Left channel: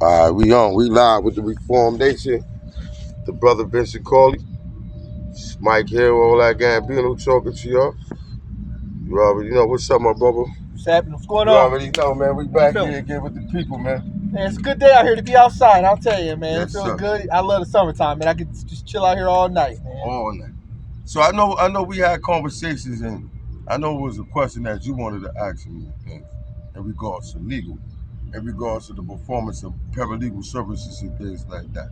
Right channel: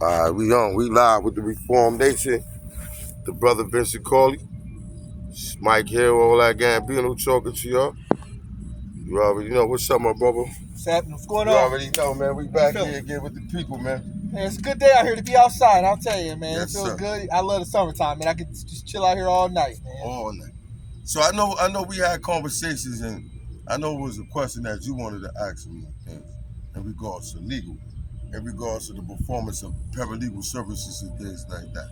We live with the Reformed Nation. The brother Vincent Cauley, Mike here, all that Gambino talking to y'all. You already know what's up, my brother. What's happening? What's going You on? already know, man. We back here again with the people, man. Man, it's a good day out here to be outside. I'll tell you, man. Yes, it feels sir. good. I love the summertime, man. I could just chill out here all night, man. All night. So I know we had conversations, and I know it was a question that you wanted to ask me in regards to legal, in regards to the performance of paralegal services and things like that.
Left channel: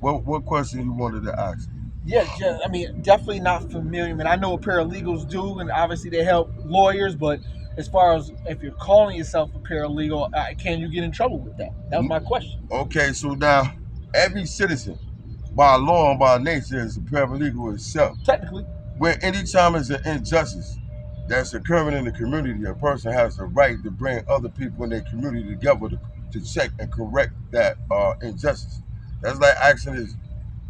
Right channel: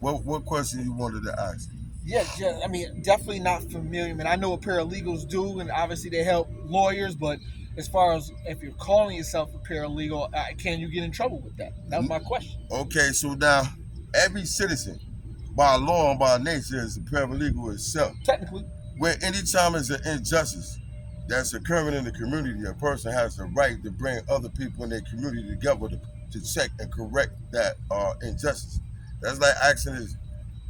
What question you wanted to ask me? Yeah, I mean, definitely not familiar. I mean, I know what paralegals do, and obviously they help lawyers, but as far as if you're calling yourself a paralegal, can you get in trouble with that? That was my question. Okay, so now every citizen, by law and by nature, is a paralegal itself. Technically. Where anytime there's an injustice that's occurring in the community, a person has the right to bring other people in their community together to check and correct that injustice. That's like asking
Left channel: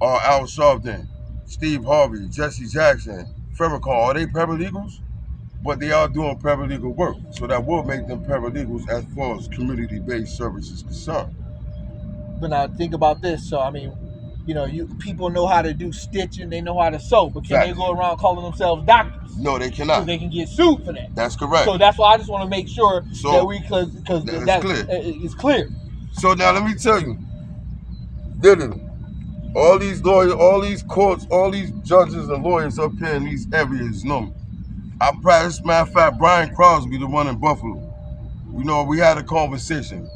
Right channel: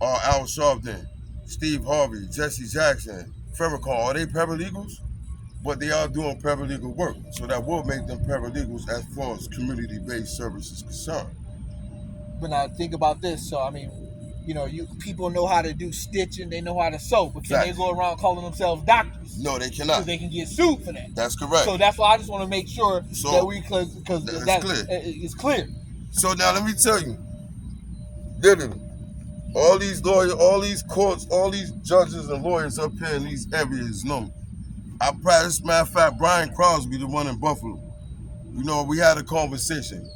Al Sharpton, Steve Harvey, Jesse Jackson, Farrakhan, are they paralegals? But they are doing paralegal work, so that will make them paralegals as far as community-based service is concerned. But now think about this. So I mean, people know how to do stitching, they know how to sew, but can they go around calling themselves doctors? No, they cannot. So they can get sued for that. That's correct. So that's why I just want to make sure that because it's clear. So now let me tell you, literally, all these lawyers, all these courts, all these judges and lawyers up here in these areas know me. I practice, matter of fact, Brian Crosby, the one in Buffalo. We had a conversation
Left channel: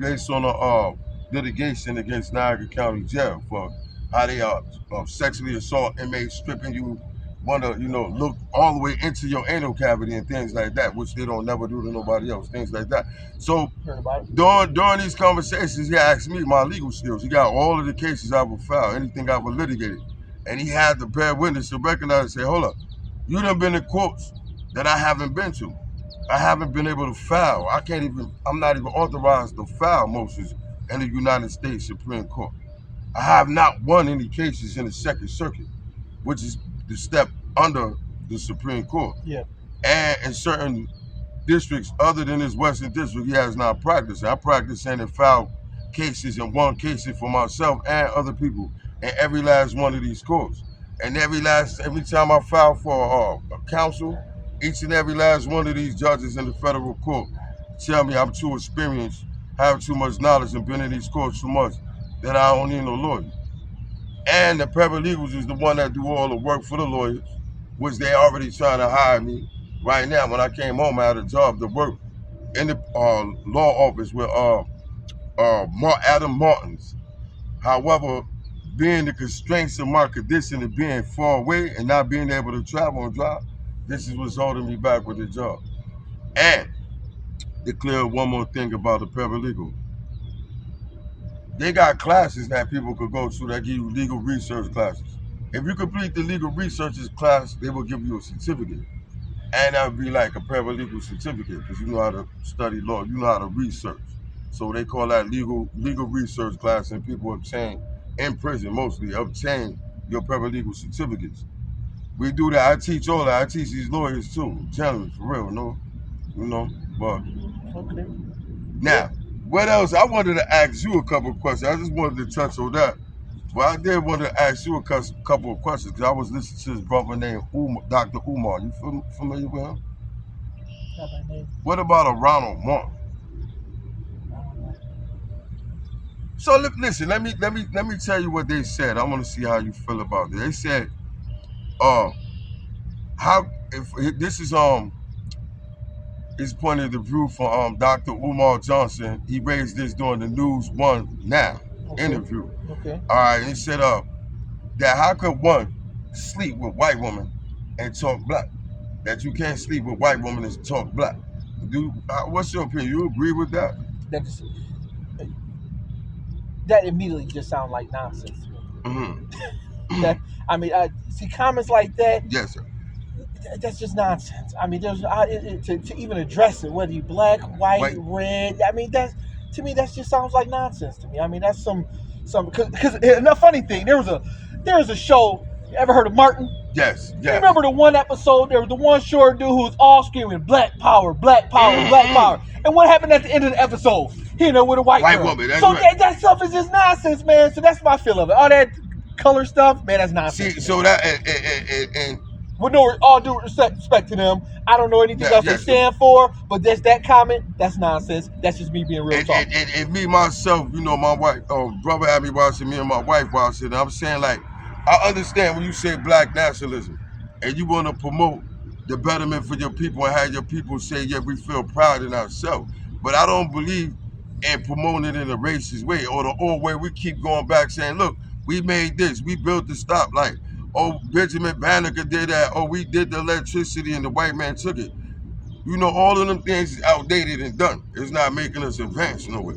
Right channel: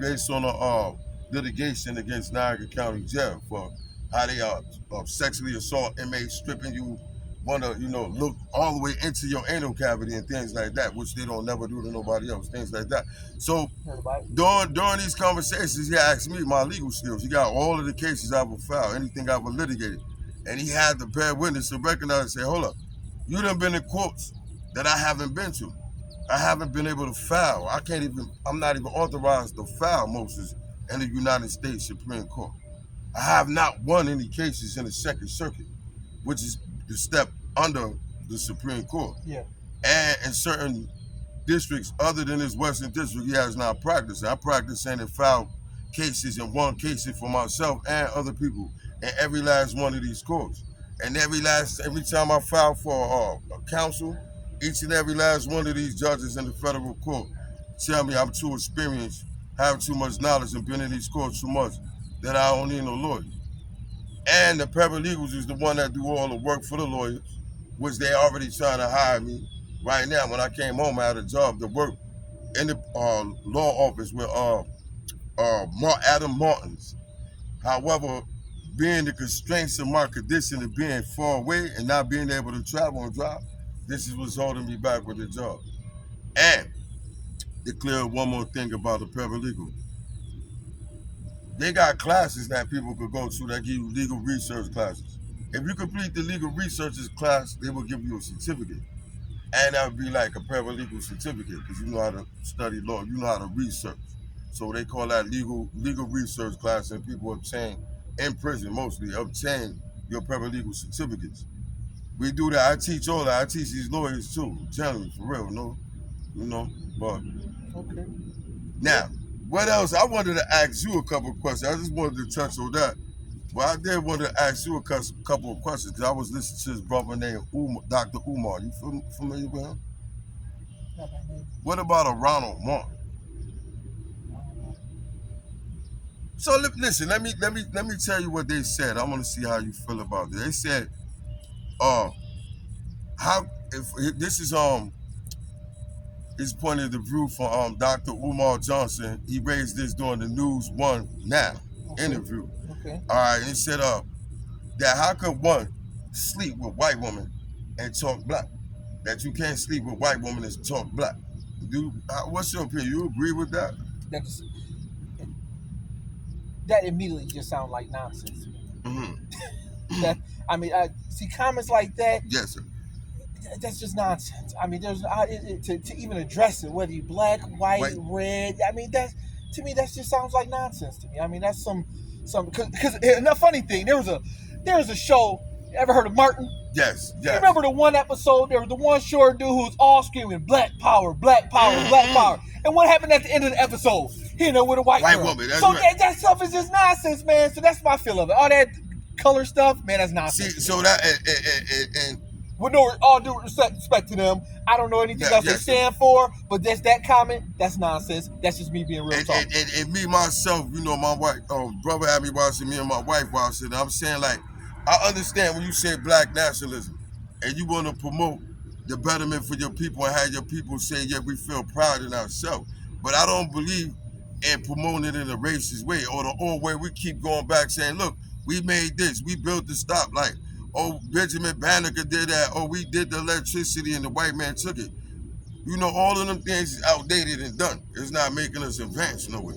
based on a litigation against Niagara County Jail for how they sexually assault inmates, stripping you, want to, look all the way into your anal cavity and things like that, which they don't never do to nobody else, things like that. So during these conversations, he asked me my legal skills. He got all of the cases I would file, anything I would litigate. And he had to bear witness to recognize and say, hold up, you done been in courts that I haven't been to. I haven't been able to file. I'm not even authorized to file motions in the United States Supreme Court. I have not won any cases in the Second Circuit, which is the step under the Supreme Court. Yeah. And in certain districts other than this Western District, he has not practiced. I practiced and filed cases and won cases for myself and other people in every last one of these courts. And every time I file for a counsel, each and every last one of these judges in the federal court tell me I'm too experienced, have too much knowledge, and been in these courts too much that I don't need no lawyers. And the paralegals is the one that do all the work for the lawyers, which they already trying to hire me. Right now, when I came home, I had a job to work in the law office with Adam Martins. However, being the constraints of my condition of being far away and not being able to travel and drive, this is what's holding me back with the job. And to clear one more thing about the paralegal. They got classes that people could go to that give you legal research classes. If you complete the legal researchers class, they will give you a certificate. And that would be like a paralegal certificate because you know how to study law, you know how to research. So they call that legal research class, and people obtain, in prison mostly, obtain your paralegal certificates. We do that. I teach all that. I teach these lawyers too. I'm telling you, for real, no? But okay. Now, what else? I wanted to ask you a couple of questions. I just wanted to touch on that. But I did want to ask you a couple of questions because I was listening to this brother named Dr. Umar. You familiar with him? Not my name. What about a Ronald Martin? So listen, let me tell you what they said. I want to see how you feel about it. They said, this is his point of view for Dr. Umar Johnson. He raised this during the News One Now interview. Okay. All right, he said that how could one sleep with white women and talk black? That you can't sleep with white women and talk black. What's your opinion? You agree with that? That immediately just sounds like nonsense to me. Mm-hmm. I mean, I see comments like that. Yes, sir. That's just nonsense. I mean, there's to even address it, whether you black, white, red. I mean, to me that just sounds like nonsense to me. I mean, that's some because the funny thing, there was a show. You ever heard of Martin? Yes. You remember the one episode? There was the one short dude who was all screaming "Black Power, Black Power, Black Power." And what happened at the end of the episode? He know with a white girl. woman. That's so right. that stuff is just nonsense, man. So that's my feel of it. All that color stuff, man, that's nonsense. See, so that and with all due respect to them, I don't know anything else they stand for, but that comment, that's nonsense. That's just me being real talk. And me myself, you know, my wife, brother had me watching, me and my wife watching. I'm saying, like, I understand when you say black nationalism and you want to promote the betterment for your people and have your people say, yeah, we feel proud in ourselves. But I don't believe in promoting it in a racist way or the old way we keep going back saying, look, we made this, we built the stoplight. Oh, Benjamin Banneker did that. Oh, we did the electricity and the white man took it. You know, all of them things is outdated and done. It's not making us advance nowhere.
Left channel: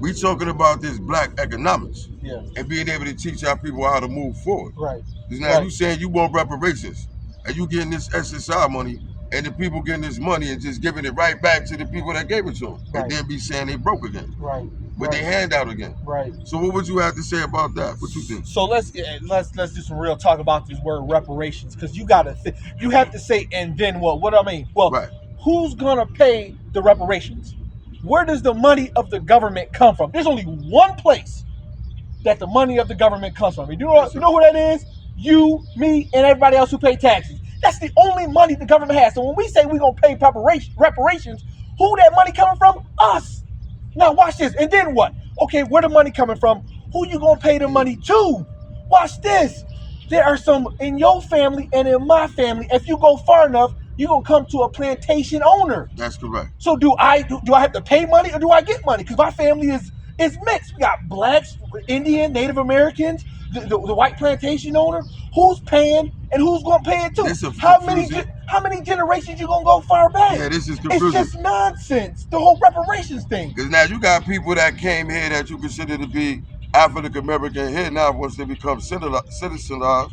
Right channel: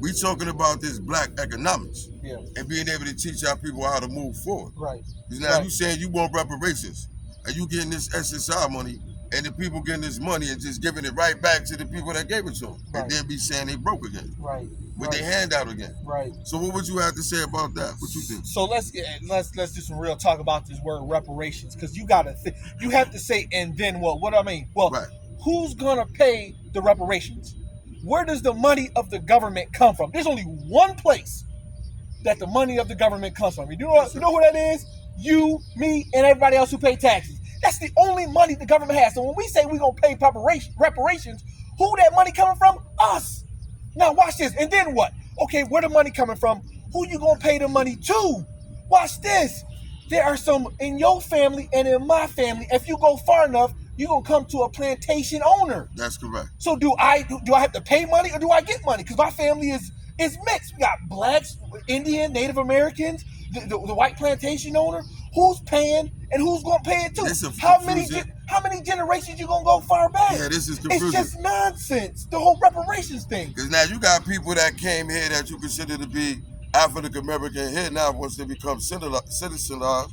We talking about this black economics and being able to teach our people how to move forward. Right. Because now you saying you want reparations and you getting this SSI money and the people getting this money and just giving it right back to the people that gave it to them. And then be saying they broke again. Right. With their hand out again. Right. So what would you have to say about that? What you think? So let's do some real talk about this word reparations, because you have to say and then what? What do I mean? Well, who's gonna pay the reparations? Where does the money of the government come from? There's only one place that the money of the government comes from. You know who that is? You, me, and everybody else who pay taxes. That's the only money the government has. So when we say we're gonna pay reparations, who that money coming from? Us. Now watch this, and then what? Okay, where the money coming from? Who you gonna pay the money to? Watch this. There are some in your family and in my family. If you go far enough, you're gonna come to a plantation owner. That's correct. So do I have to pay money or do I get money? Because my family is mixed. We got blacks, Indian, Native Americans, the white plantation owner. Who's paying and who's gonna pay it too? How many generations you gonna go far back? Yeah, this is confusing. It's just nonsense. The whole reparations thing. Because now you got people that came here that you consider to be African American here now once they become citizenized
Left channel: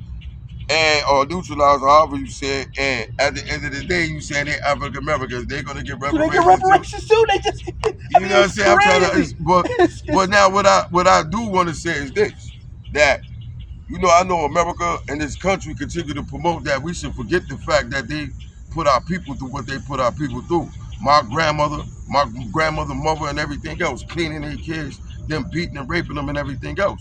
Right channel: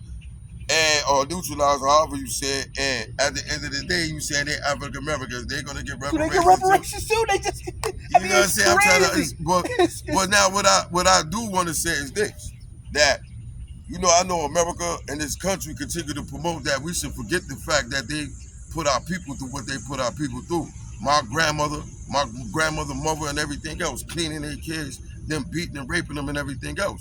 or neutralized, however you say it. And at the end of the day, you say they're African Americans, they're gonna get reparations. Do they get reparations too? They just you know what I'm saying? I'm trying to, but now what I do want to say is this, that you know, I know America and this country continue to promote that we should forget the fact that they put our people through what they put our people through. My grandmother, mother, and everything else, cleaning their kids, them beating and raping them and everything else.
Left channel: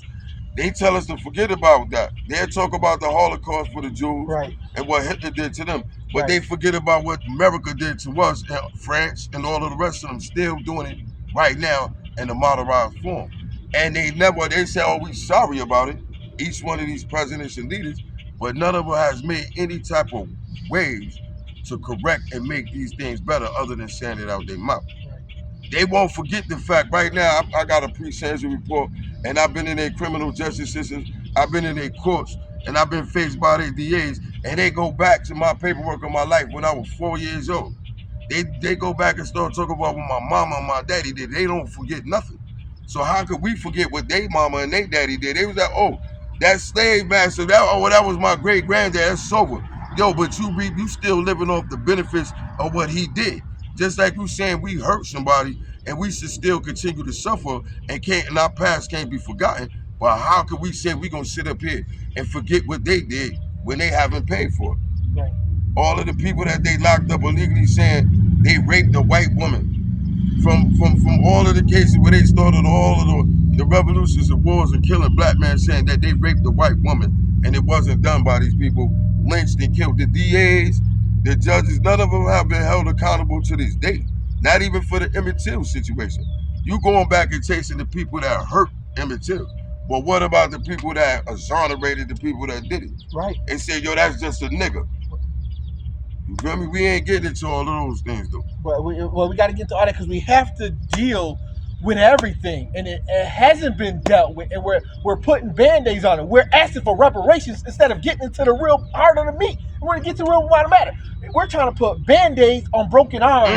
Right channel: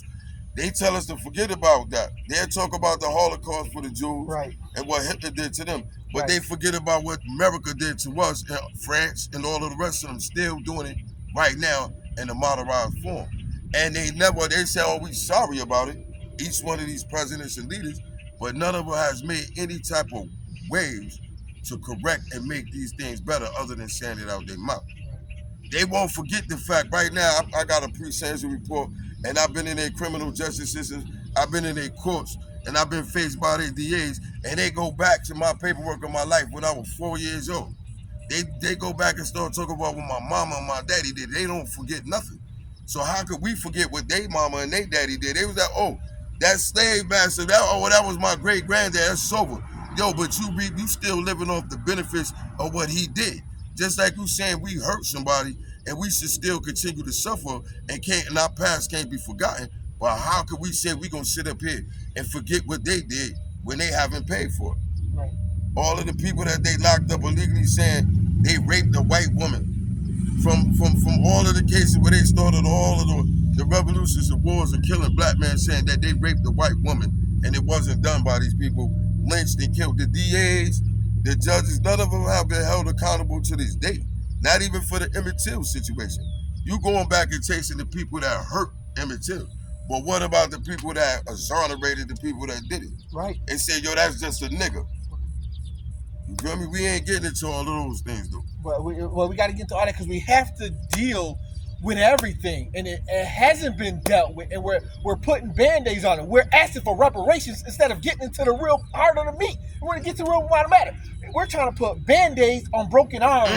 They tell us to forget about that. They talk about the Holocaust for the Jews and what Hitler did to them. But they forget about what America did to us, and France, and all of the rest of them still doing it right now in a modernized form. And they say, oh, we sorry about it. Each one of these presidents and leaders, but none of them has made any type of waves to correct and make these things better other than saying it out their mouth. They won't forget the fact. Right now, I got a pre-sentence report, and I've been in their criminal justice systems, I've been in their courts, and I've been faced by their DAs, and they go back to my paperwork of my life when I was 4 years old. They go back and start talking about what my mama and my daddy did. They don't forget nothing. So how could we forget what they mama and they daddy did? They was like, oh, that slave master, that was my great granddad, that's sober. Yo, but you still living off the benefits of what he did. Just like you saying we hurt somebody and we should still continue to suffer and our past can't be forgotten. But how could we say we gonna sit up here and forget what they did when they haven't paid for it? Right. All of the people that they locked up illegally saying they raped a white woman. From all of the cases where they started all of the revolutions and wars and killing black men, saying that they raped a white woman and it wasn't done by these people, lynched and killed. The DAs, the judges, none of them have been held accountable to this day. Not even for the Emmett Till situation. You going back and chasing the people that hurt Emmett Till. But what about the people that exonerated the people that did it? Right. And said, yo, that's just a nigga. You feel me? We ain't getting into all of those things, though. Well, we got to get to all that because we have to deal with everything, and it hasn't been dealt with, and we're putting band-aids on it. We're asking for reparations instead of getting into the real heart of the meat. We want to get to the real matter. We're trying to put band-aids on broken arms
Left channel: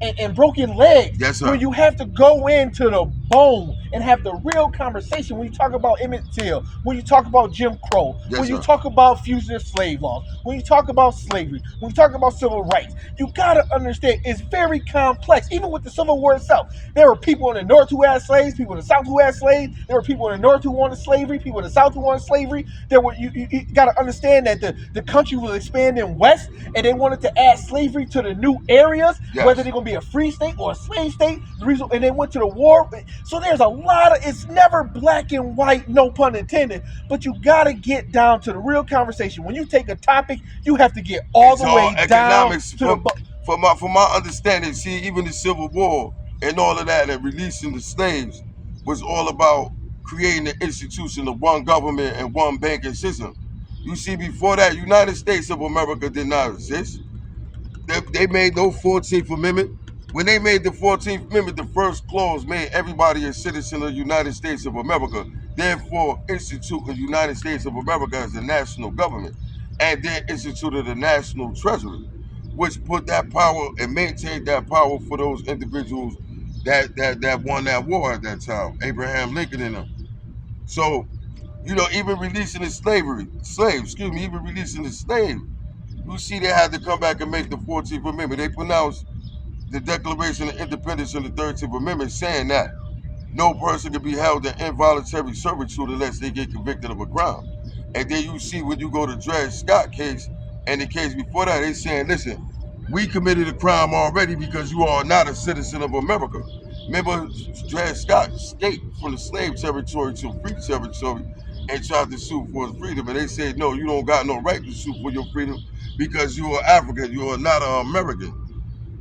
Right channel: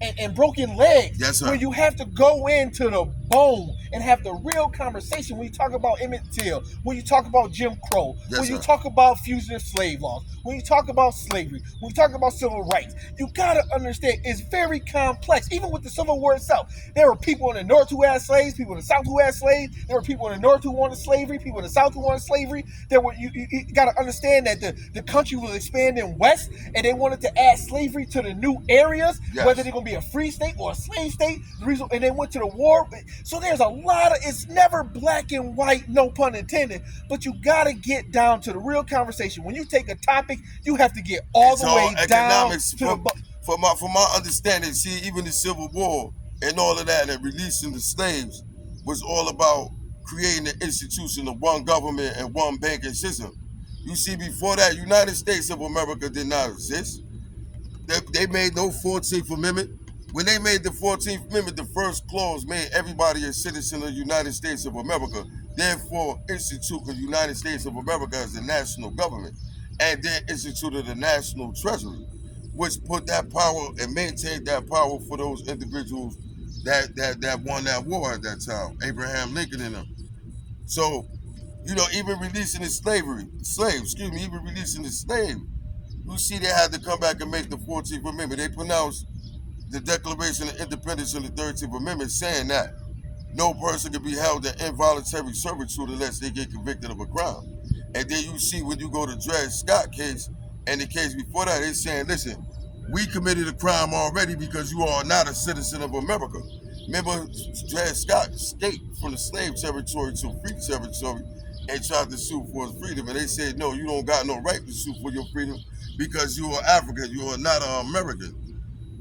and broken legs. Yes, sir. Where you have to go into the bone and have the real conversation. When you talk about Emmett Till, when you talk about Jim Crow, when you talk about fugitive slave laws, when you talk about slavery, when you talk about civil rights, you gotta understand it's very complex. Even with the Civil War itself, there were people in the North who had slaves, people in the South who had slaves. There were people in the North who wanted slavery, people in the South who wanted slavery. You gotta understand that the country was expanding west, and they wanted to add slavery to the new areas, Yes. whether they're going to be a free state or a slave state. The reason, and they went to the war. So there's a lot of, it's never black and white, no pun intended, but you got to get down to the real conversation. When you take a topic, you have to get all the way down to the... From my understanding, see, even the Civil War and all of that and releasing the slaves was all about creating an institution of one government and one banking system. You see, before that, United States of America did not exist. They made no 14th Amendment. When they made the 14th Amendment, the first clause made everybody a citizen of the United States of America, therefore instituted the United States of America as the national government, and then instituted the national treasury, which put that power and maintained that power for those individuals that won that war at that time, Abraham Lincoln and them. So, you know, even releasing the even releasing the slave, you see they had to come back and make the 14th Amendment. They pronounced the Declaration of Independence in the 13th Amendment saying that no person can be held in involuntary servitude unless they get convicted of a crime. And then you see when you go to Dred Scott case and the case before that, they saying, listen, we committed a crime already because you are not a citizen of America. Remember, Dred Scott escaped from the slave territory to free territory and tried to sue for his freedom. And they said, no, you don't got no right to sue for your freedom because you are African, you are not an American.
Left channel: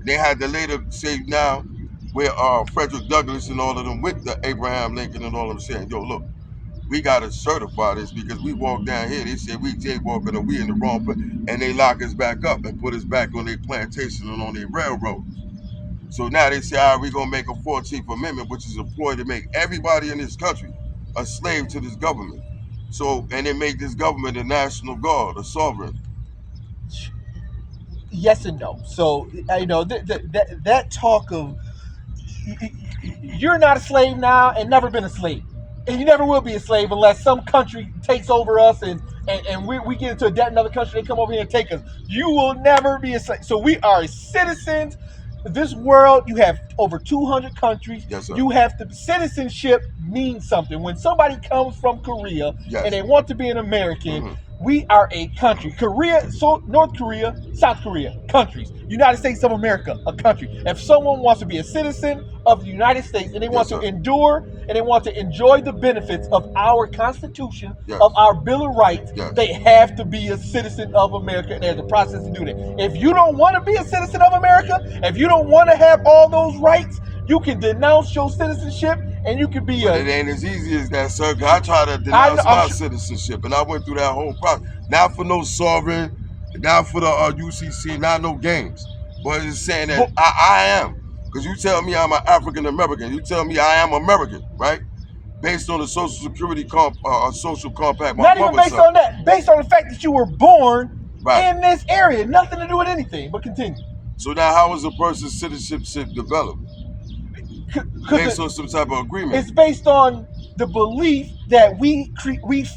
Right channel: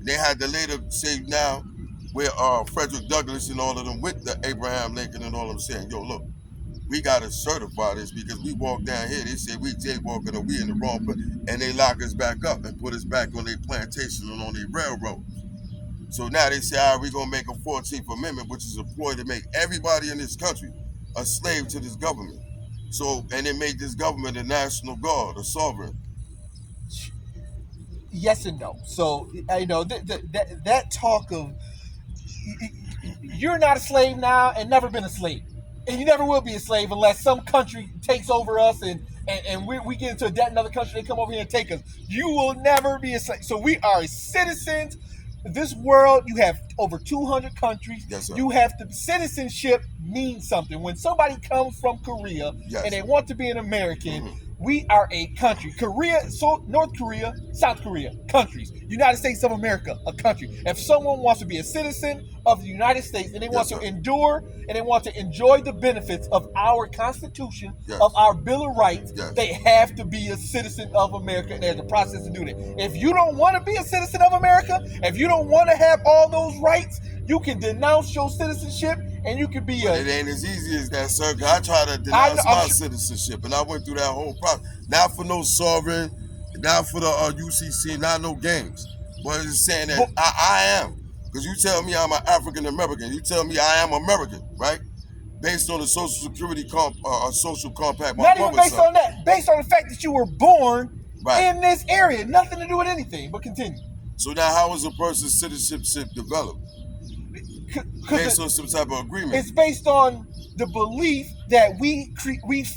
They had to later say now where Frederick Douglass and all of them with the Abraham Lincoln and all of them saying, yo, look, we got to certify this because we walk down here, they said we jaywalking or we in the wrong place, and they lock us back up and put us back on their plantation and on their railroad. So now they say, all right, we're going to make a 14th Amendment, which is a ploy to make everybody in this country a slave to this government. So, and they make this government a national guard, a sovereign. Yes and no. So, you know, that talk of you're not a slave now and never been a slave. And you never will be a slave unless some country takes over us and we get into a debt in another country, they come over here and take us. You will never be a slave. So we are citizens. This world, you have over 200 countries. Yes, sir. You have to, citizenship means something. When somebody comes from Korea and they want to be an American, we are a country. Korea, so North Korea, South Korea, countries. United States of America, a country. If someone wants to be a citizen of the United States and they want to endure and they want to enjoy the benefits of our Constitution, of our Bill of Rights, they have to be a citizen of America, and there's a process to do that. If you don't want to be a citizen of America, if you don't want to have all those rights, you can denounce your citizenship and you can be But it ain't as easy as that, sir. I tried to denounce my citizenship, and I went through that whole process. Not for no sovereign, not for the UCC, not no games. But it's saying that I am. Because you tell me I'm an African American. You tell me I am American, right? Based on the Social Security social compact. Not even based on that. Based on the fact that you were born in this area. Nothing to do with anything, but continue. So now how is a person's citizenship developed? Based on some type of agreement. It's based on the belief that we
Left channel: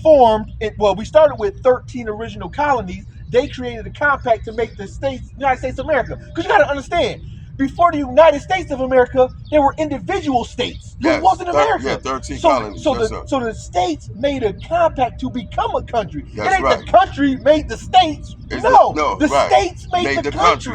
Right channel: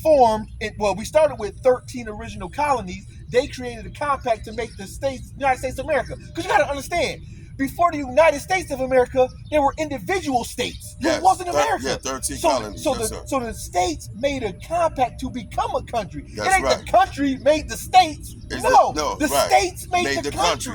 formed it. Well, we started with 13 original colonies. They created a compact to make the United States of America. Because you got to understand, before the United States of America, there were individual states. It wasn't America. Yeah, 13 colonies. So the states made a compact to become a country. That's it ain't the country made the states. No, the states made the country.